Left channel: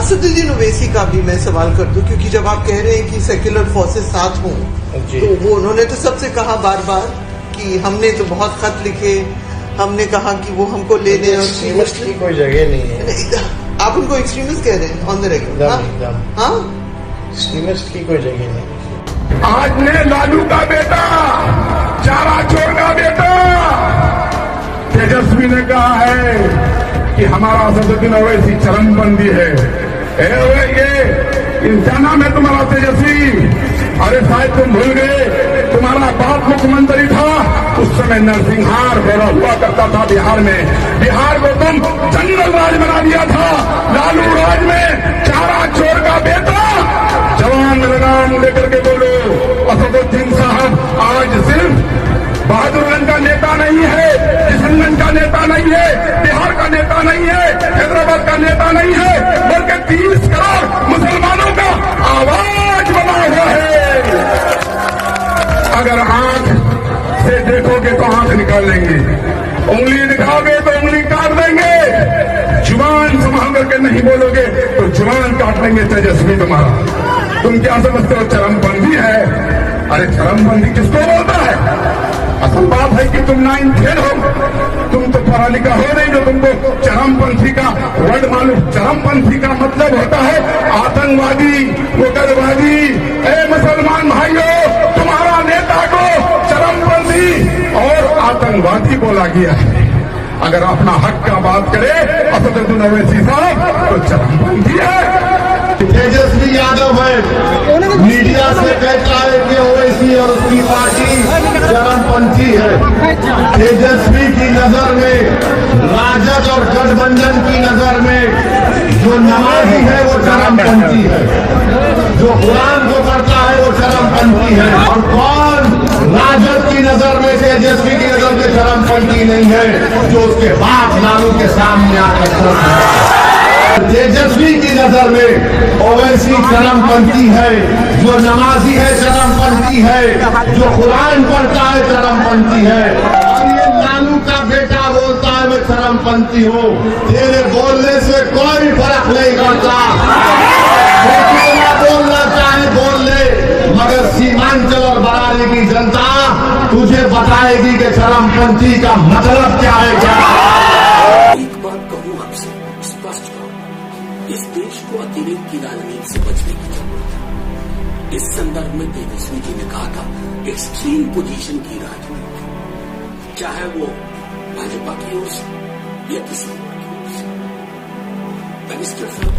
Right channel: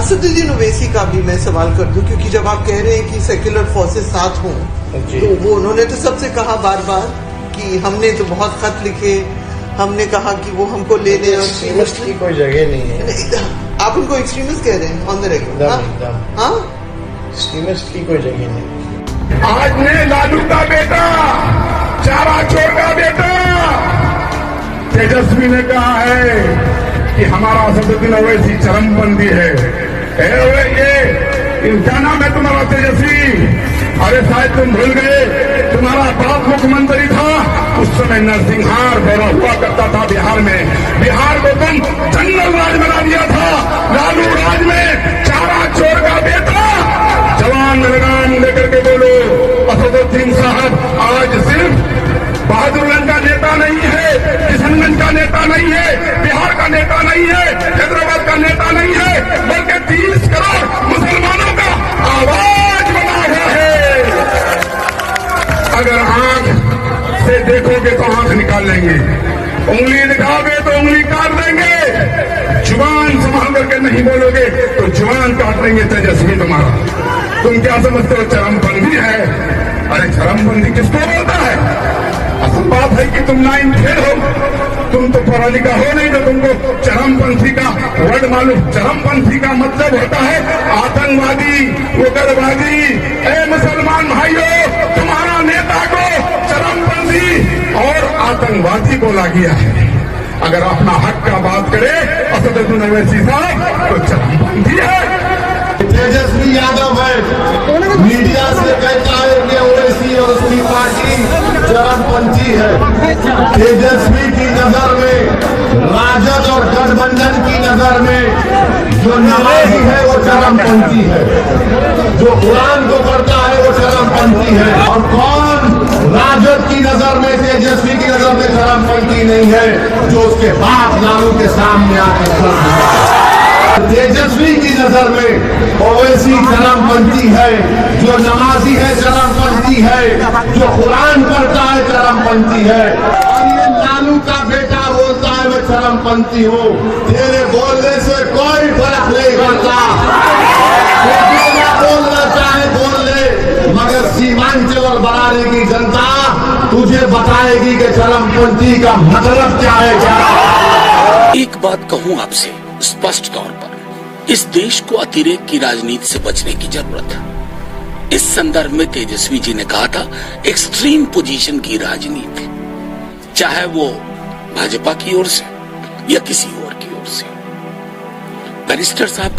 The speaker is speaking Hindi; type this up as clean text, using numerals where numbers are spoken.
असदुद्दीन ओवैसी का भी मैं सवाल कर दूं, क्योंकि जब आप कह रहे हैं कि सेक्युलर फोर्सेस साथ हों, तो वो उन्होंने तो सबसे कहा बार बार कि हमने तो बहुत खत लिखे, हमने कहा कि वो हमको ले लें। एक्सट्रीमिस्ट की कोई जगह नहीं है। आप उनको एक्सट्रीमिस्ट कह रहे हैं ऑन द रेकॉर्ड? हाँ, एक्सट्रीमिस्ट की कोई जगह नहीं। आज ने लालू का बेटा, चारा छोटा बेटा तेजस्वी ने कहा है कि हमारा असदुद्दीन ओवैसी चरमबंदी है। ये इंसाना में तुम्हारा तेजस्वी, अरे शायद तुम भूल गए, तुम्हारा बाप मुख्यमंत्री था, उस समय नरसिंहार गौरव हुआ करता था बिहार में। बिहार को तुम जंगल राज बना दिया था। लालू राज में चारा चोर का बेटा जवान लगाम लेकर के बोलो, असदुद्दीन साहब आज सिर्फ बहादुरगंज का नेता नहीं है, किशनगंज का नेता नहीं है, बिहार का नेता नहीं है, हैदराबाद का नेता नहीं है, बल्कि 30 करोड़ मुसलमानों का आवाज बना हुआ है। अगर आंख से देखोगे तो आंख निकाल लेंगे, उंगली दिखाओगे तो उंगली काट देंगे, जुबान संभाल करके नहीं बोलोगे तो जुबान काट लेंगे। तेजस्वी तुम्हारा, तुम क्या समझते हो चरमबंदी है? अरे चरमबंदी किसको बोलता है? असल बात है कि तुम लाइन फेल हो, तुम तो पढ़ा लिखा हो नहीं जो तुमको चरमपंथी का वर्ड मालूम। चरमपंथी का मतलब होता है आतंकवादी, उग्रवादी। ए मुसलमान भाइयों, तुम्हारा नेता को चरमपंथी और आतंकवादी बोला गया है। अगर अपना हक का बात करे असदुद्दीन ओवैसी साहब तो चरमपंथी है। तेजस्वी यादव है, मीडिया से कहता है कि ओवैसी और उसकी पार्टी चरमपंथी है। तेजस्वी की नजर में, राजद और गठबंधन की नजर में जो नवाजी है वो चरमपंथी है, जो कुरान को पढ़ता है वो चरमपंथी है। और कौन राजद की नजर में, तेजस्वी की नजर में चरमपंथी नहीं है? जो उसके बाद लालू के सामने आकर खड़ा है। तेजस्वी की नजर में ओवैसी चरमपंथी है, जो नमाजी है चरमपंथी है, जो कुरान पढ़ता है चरमपंथी है। और ये लालू का बेटा बोलता है मैं चरमपंथी हूँ। तेरे बोलने से कोई फर्क नहीं पड़ता, बोलना चाहे बोल ले, मगर सीमांचल और बरारी की जनता तुझे बताएगी कि चरमपंथी का मतलब क्या है। एक बात कहूं आपसे स्पष्ट तौर पर, इस देश को अतिरेक की राजनीति से बचने की जरूरत है। इस संदर्भ में तेजस्वी जी ने कहा था एक्सट्रीम पोजीशन की राजनीति, चाहे वो भाजपा की ओर से या किसी और की ओर से। बैरिस्टर साहब